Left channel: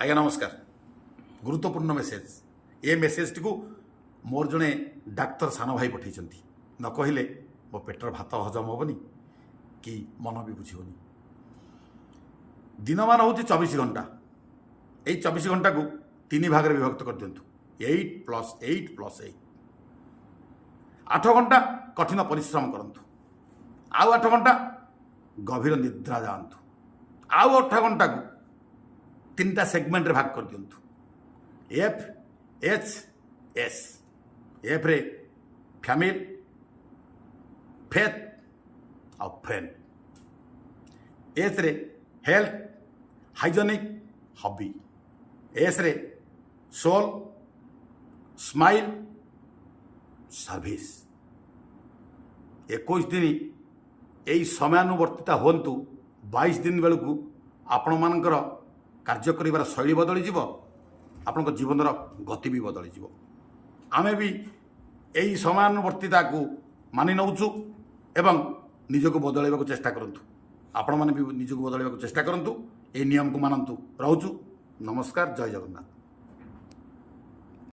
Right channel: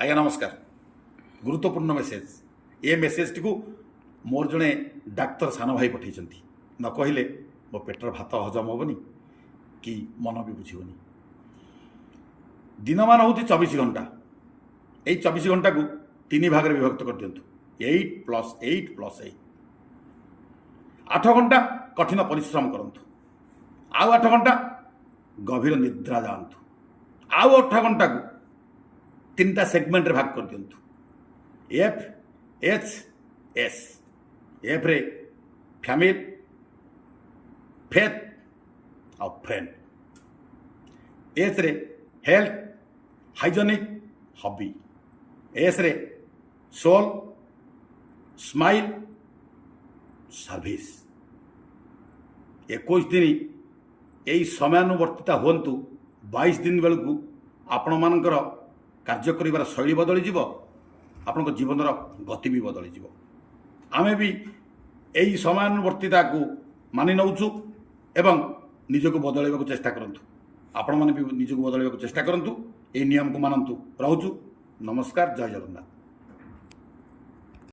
आज्ञा नमस्कार। गुरुत्वपूर्ण मेसेज ये मेसेज टी मोर जड़े डाक्तर सान भाई पठे न कहले मो पेटर भात हजम हेनी कि मन भी बुझीबनी। दिन मान हूँ 24 घंटा। यही 24 घंटा को 3 भाग में विभक्त कर दिंतु 8+8+8 8 घंटा कठिन परिश्रम करंतु आउ 8 घंटा गभीर निद्रा जातु आउ 8 घंटा को 3टा सेगमेंट रे भाग कर दिंतु FHS। एफ रे फैमिली फेथ और फ्रेंड। एच रे हेल्थ हाइजेनिक हॉबी। एस रे सोल स्माइल सर्विस। 21 दिन यही समयानुवर्तिता हूँ 22 दिन बेलू आपण मानकर कार्य कर शैली बदली जीव आपण जीवन गति भी बदली जीव। आमे भी यही समयानुवर्तिता को मानि नौचु एवं निजको बदलैवा चेष्टा करंतु। आपण माने भी निजको बदलैवा चेष्टा करंतु। ए नियम को मानंतु। रहूचु। नमस्कार। जय जगन्नाथ।